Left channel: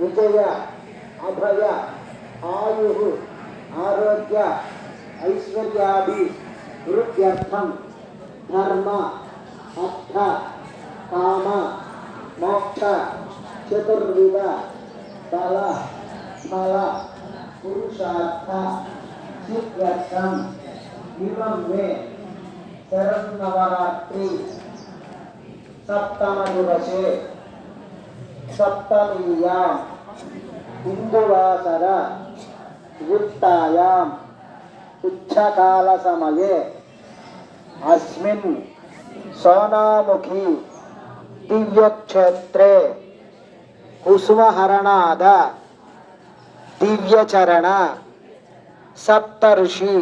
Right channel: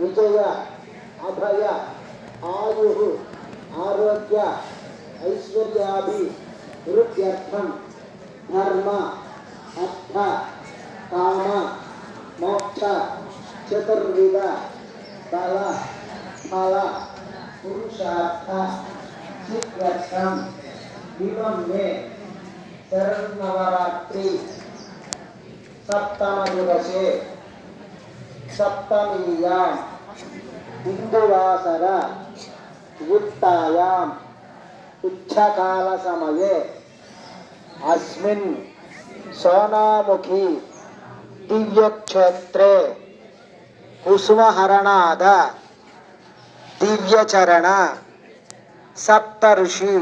विजय, अभय, आयु, आरोग्य ஆயு ஆரோக்கிய धर्म, अर्थ, काम, मोक्ष, चतुर्विध, बल फल पुरुषार्थ सिद्ध्यर्थम इमं सप्तमीयां इंदुवासर वृत्तायां उच्चकाल समये अस्मिन् सोनामुखी दिव्यक्षेत्रे कुसुमहरणाद दिव्यचरण सप्तऋषि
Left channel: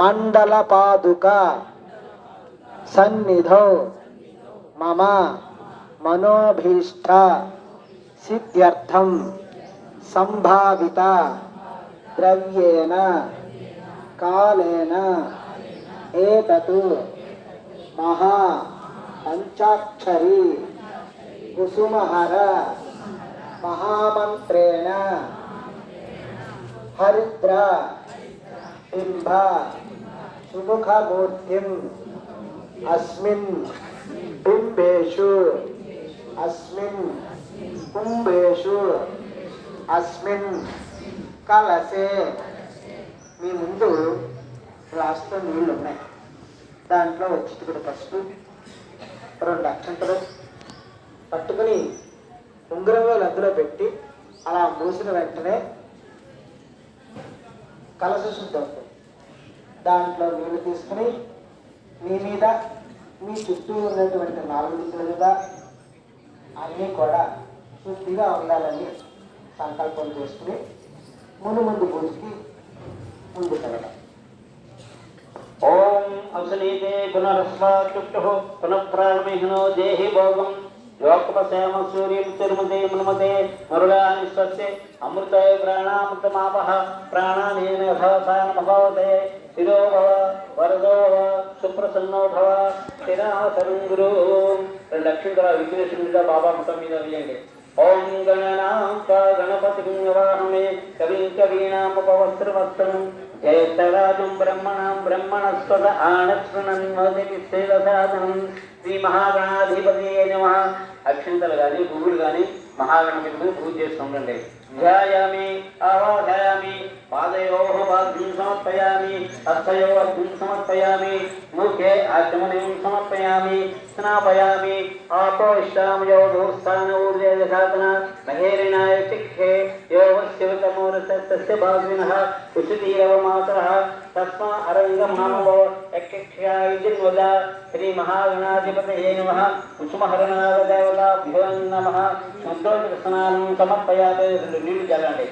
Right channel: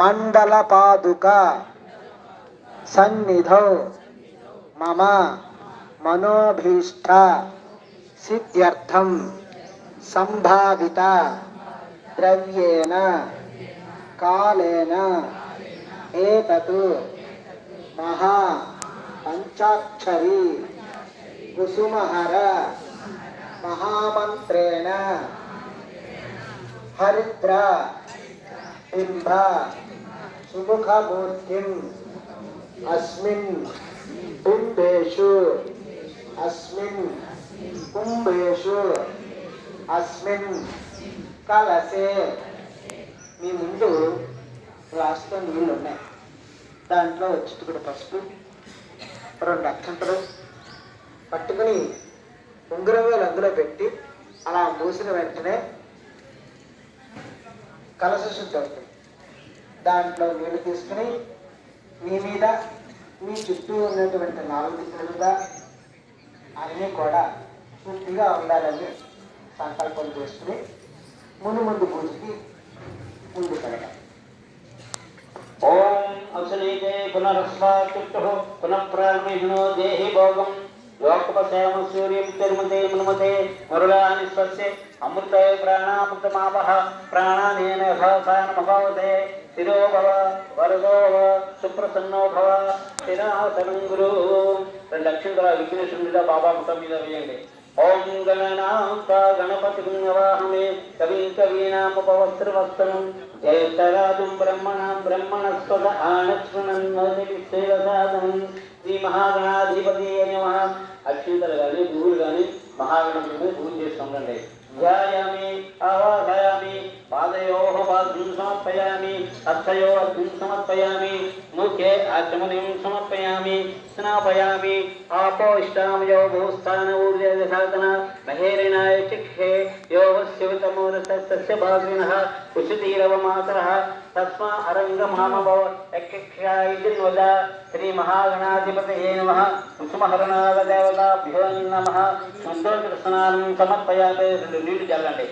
मंडलपादुका सन्निधौ मम मनोभीष्ट सिद्ध्यर्थम संभाविता द्रव्येन कालेन, एतत् महा पञ्चाक्षरी, कुसुमहर, महामन्त्रेण, हरिद्र, बिम्ब सुमुखमूर्तिम् अस्मिन् बिम्बेषु అస్మిన్ కుంభేషు అస్మిన్ కలసే మీ ముందు గ్లాస్తో నీళ్ళు ఉన్నాయి దాంట్లో చిట్టుకుడు పసుపు రెండు అక్షంతలు పట్టుకుని ఉంగరంలో అందులో పెట్టి అలా మూసిన వెంటనే కలస శుద్ధి అవుతుంది దాంట్లో నీళ్ళు తీసుకుని మీ మీద మీ చుట్టూ ఉన్నటువంటి నాలుగు దిక్కుల మీద అన్నీ కూడా శుద్ధిగా ఉండాలని సంకల్పం చేసుకుని ముందు ముందు పూజకి ముందు కలగడం ఓం అసునీతే పునరస్వాచుక్తు పునః దేహి భోగం. లోకపశ్యామ సూర్యం తిరుమతే మనుమతే మరుడాని స్వస్య అమృతే ప్రాణామృతమాపహ ప్రాణానేన యథాసానమభవతే స్థిరో భవ వరదో భవ సుప్రసన్నో భవ స్థిరాసనం గురు. రెండు అక్షంతర విఘ్నేశ్వరుడిగా బాబా ముఖం మీద వేయండి. ఓం గణనాంత గణపతి వాహమే కవి కవీనాముపవస్త్రవస్త్రం జయస్తరాజం బ్రహ్మణం బ్రహ్మణస్పద ఆనశృణన్మోది సేవసాధనం శ్రీ మహాగణాధిపతి నమ. అక్షంతలు కానీ పువ్వులు కానీ మహాగణపతిని పూజ చేస్తుండండి ధ్యాయామి ఆవాసయామి పాదయో బాధ్యం సమర్పయామి హస్తయో అగ్నిం సమర్పయామి ముఖే ఆచమనిం సమర్పయామి స్నాపయామి ఆపోష్టామయో భూస్థాన ఊర్జాతన మహేరిణాయ చిక్షే యో వస్యవితమూలస్తస్య భాగ్వినః కుశితీరవమాతరः తస్మా అరంగమానవో యక్షాయిదిన్వద శ్రీ మహాగణాధిపతయే నమః కుసుమహరణాగదేవతాభ్యో నమః శుద్ధోదక స్నానం సమర్పయాతే రెండు నీళ్ళు చల్లండి.